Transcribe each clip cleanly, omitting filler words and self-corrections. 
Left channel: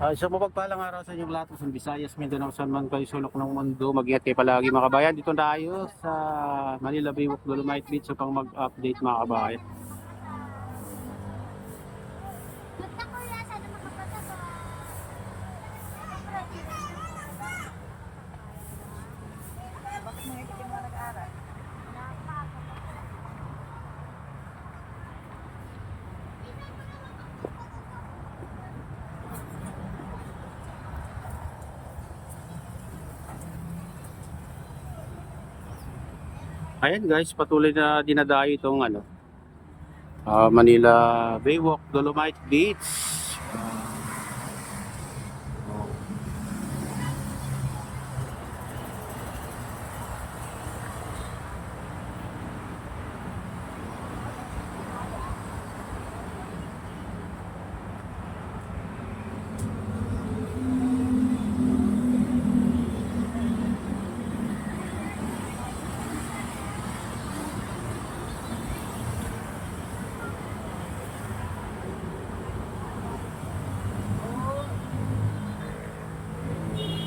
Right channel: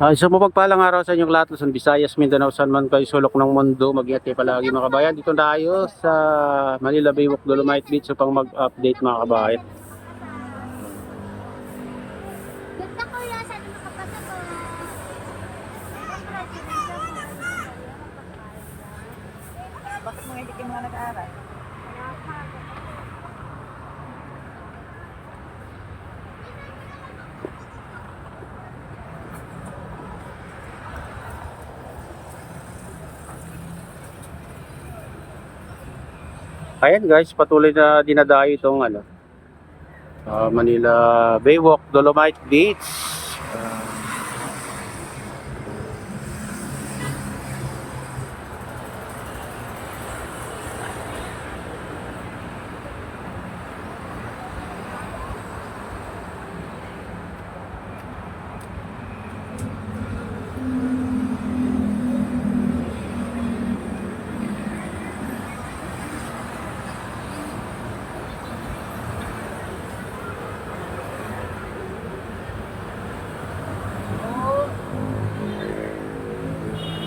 Isang mapagpalang araw sa inyong lahat, Luzon, Visayas, Mindanao, saan man kayo sulok ng mundo. Mag-ingat kayo palagi mga kabayan. Dito tayo sa Manila Baywalk Dolomite Beach upang mag-update mga kabayan. Ganda ko yan, sana makapasa ko. Bakit mo hindi kayo mga nag-aaral? Ayan guys, patuloy na dinadayo itong Manila Baywalk Dolomite Beach. Ah,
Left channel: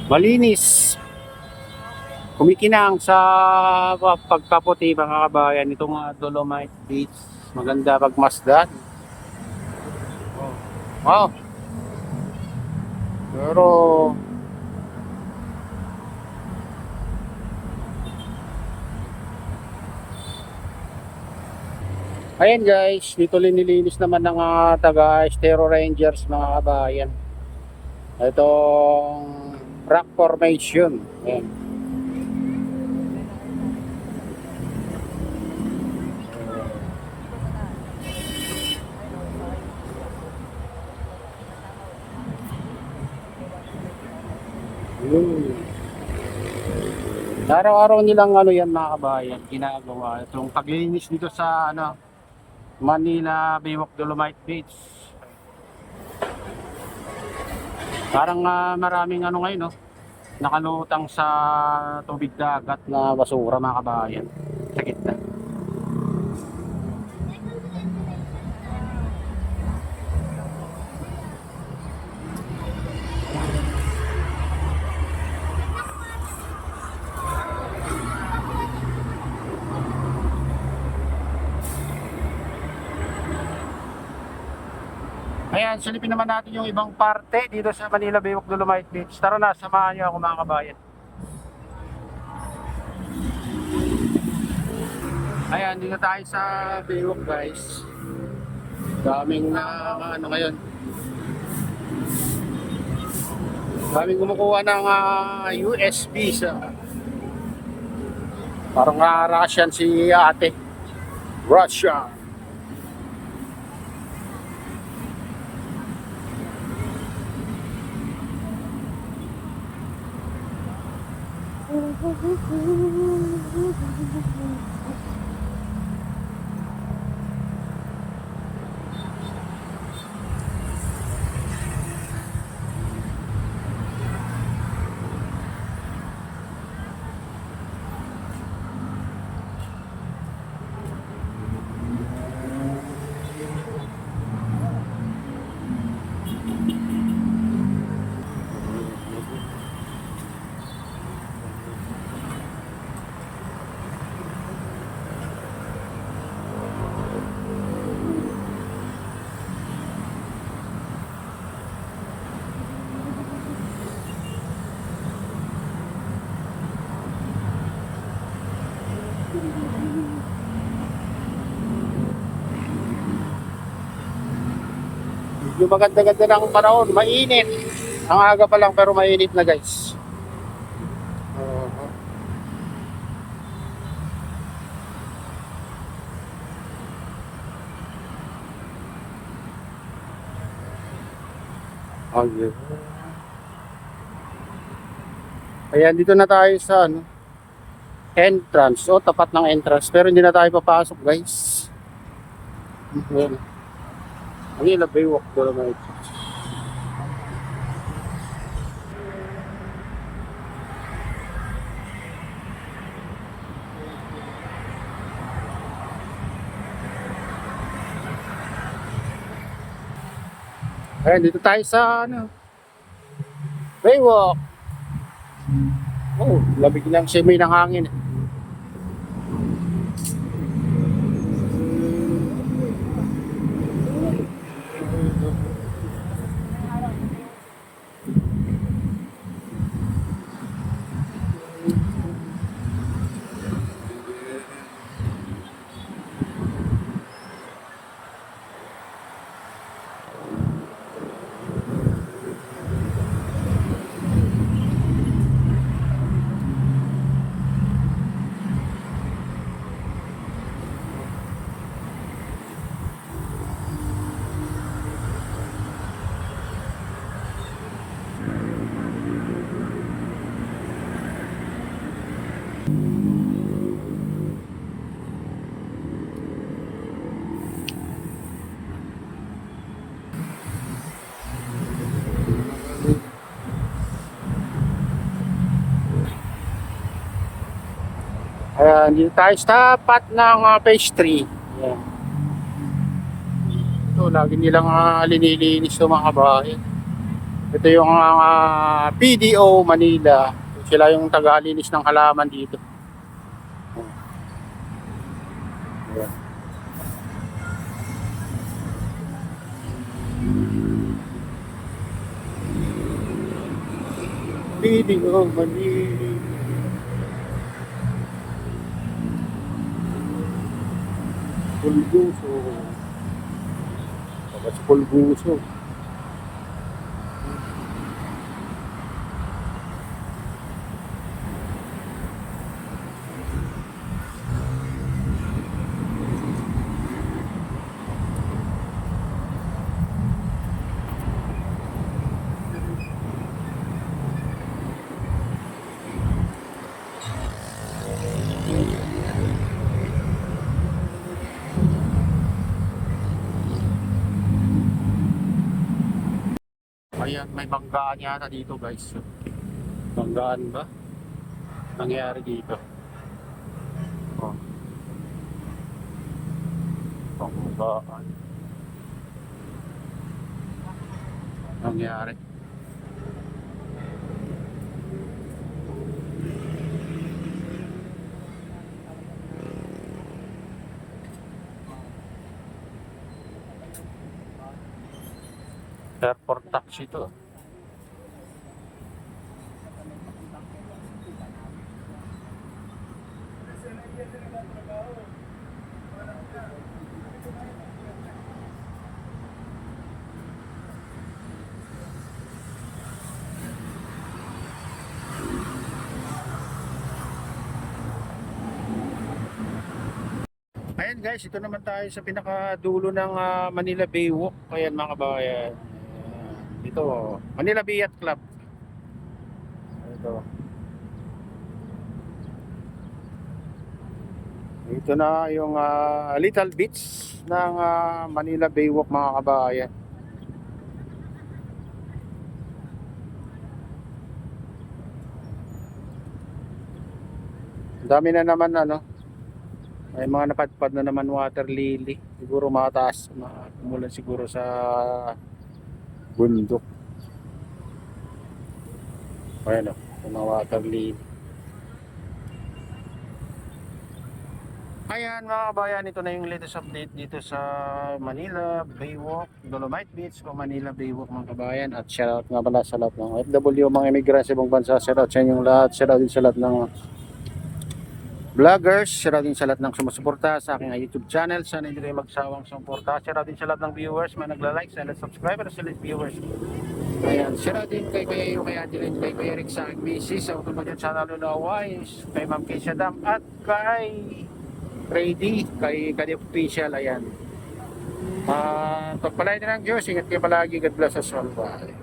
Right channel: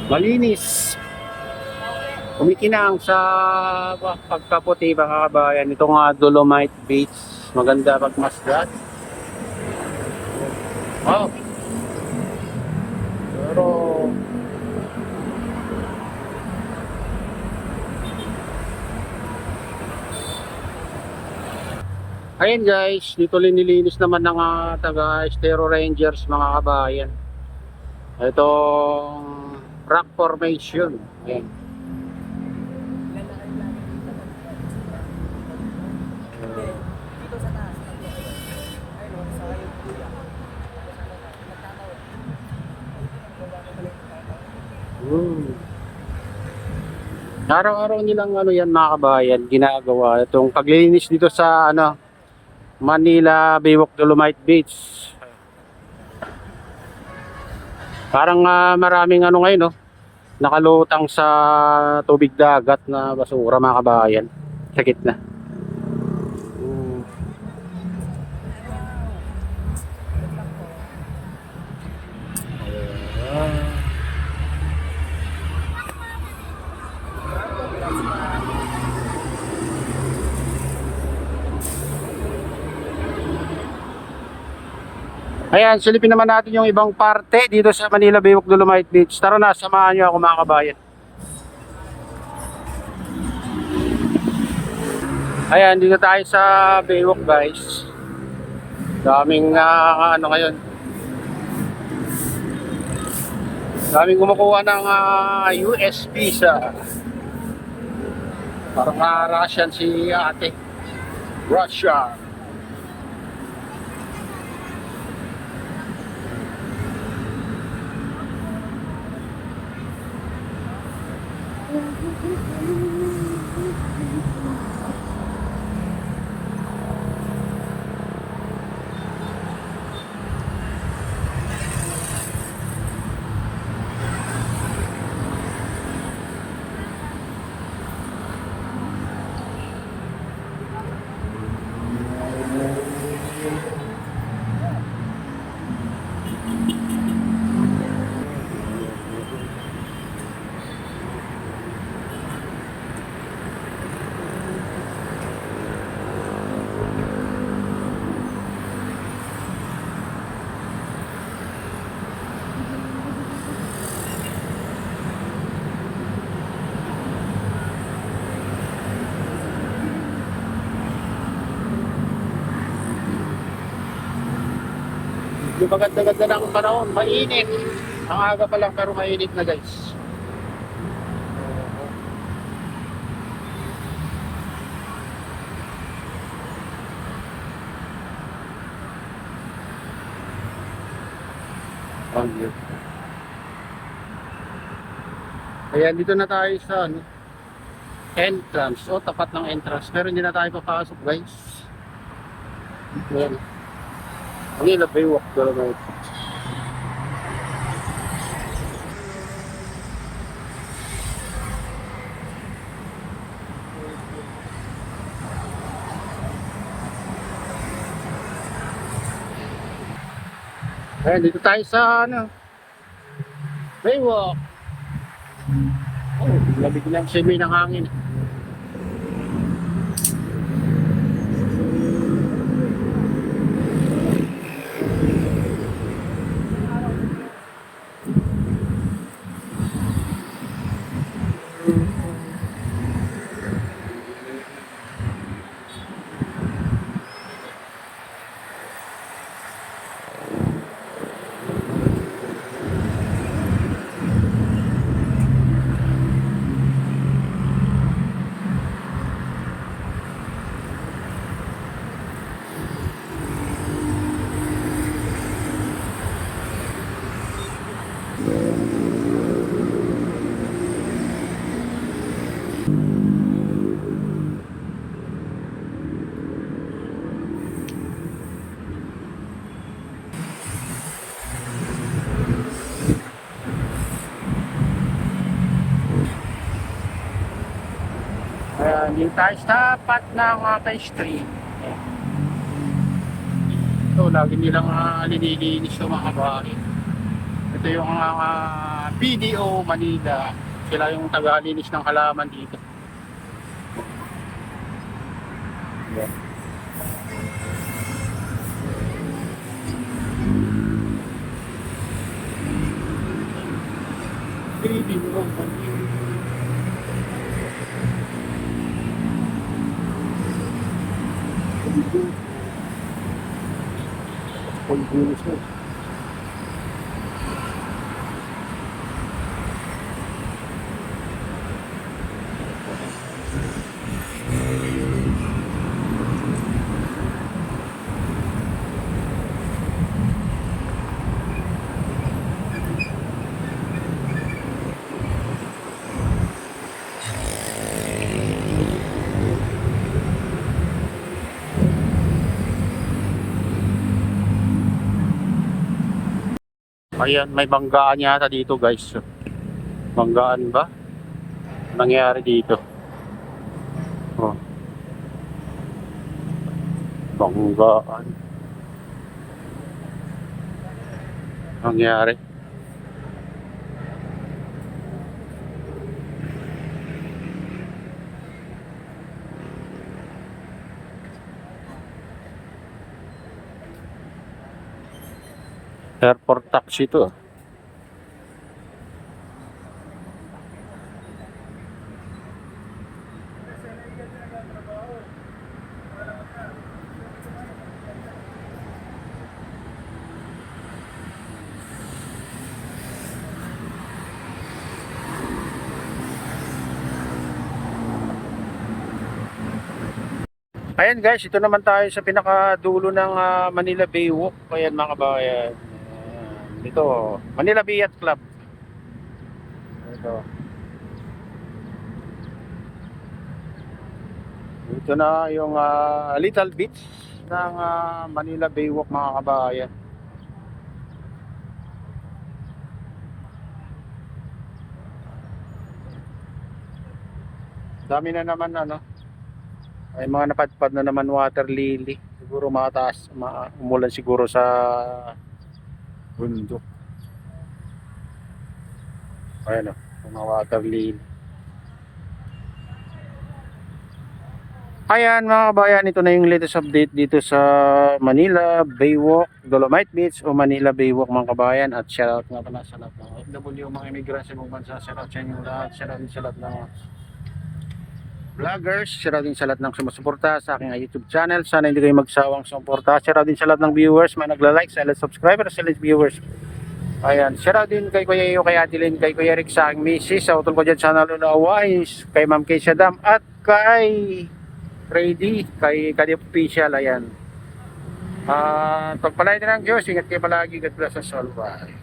Malinis. Kumikinang sa pagkaputi mga kabayan. Ito nga Dolomite Beach. Maganda pagmasdan. Oh. Pero ayan guys, dito linilinis naman ng taga Estero Rangers mga kabayan. Itong rock formation. Ayan. Araw-araw nilang yan mga kabayan ginagawa itong paglilinis dito sa Manila Baywalk Dolomite Beach. Parang maraming ngayon nakalutang sa tubig dagat na basura mga kabayan sa gitna. Ayan, silipin naman natin yung ibang parte dito sa Manila Baywalk Dolomite Beach. Tara na, samahan nyo ako mga kabayan. Ayan, dito tayo sa Baywalk guys. Daming ngayon. Daming kumukuha ng US visa. Parang Russian si ate. Russia. Yung maganda-ganda ng panahon, mainit. Ang aga pa lang pero mainit na guys. Oo. Ayun. Ayan, dito na tayo sa entrance. O, tapat ng entrance. Pero hindi na tayo papasok guys. Ayan. Manila Baywalk Dolomite. Ayan, dito tayo sa Baywalk. Oh, labig lang simoy ng hangin. Hindi tayo sa tapat ng phase 3. Ayan. Ito, lagi nilang linilinis yung mga bahay. Ito yung PDO Manila. Sila yung taga-linis ng halaman dito. Ayan. PDO Manila. Pulguso. Tapos pulguso. Ayan, may banggaan yata dito guys. Banggaan ba? Nangyari dito. Oh. Banggaan. Nangyari. Airport taxi to. Ayan guys, ito naman tayo sa pinakadulo ng Manila Baywalk. Ayan mga kabayan. Ayan. Dito, Manila Bay Yacht Club. Ito. Ito na yung little beach ng Manila Baywalk mga kabayan. Dami na naman ano. May mga napadpad na naman water lily. Siguro mataas, umulan siguro sa bundok. Ayan o, yung mga water lily. Ayan mga kabayan, ito na yung latest update dito sa Manila Baywalk, Dolomite Beach o Manila Baywalk mga kabayan. At shoutout nga pala sa lahat ng OFW, mga immigrants sa ibang bansa. Shoutout sa inyong lahat, shoutout din sa lahat ng vloggers, shoutout din sa lahat ng sumusuporta sa aking YouTube channel. Sana hindi kayo magsawang sumuporta. Shoutout din sa lahat ng viewers, may nagla-like, sa lahat subscribers, sa lahat viewers. Ayan, shoutout din kay Kuya Iyo, kay Adeline, kay Kuya Rick, sa aking misis, sa utol ko dyan sa Naluna Wise, kay Ma'am Kay Sadam, at kay Ready, kay Kadi Official. Ayan. Pagpalain din ng Diyos, ingat kayo palagi. God bless us all. Bye.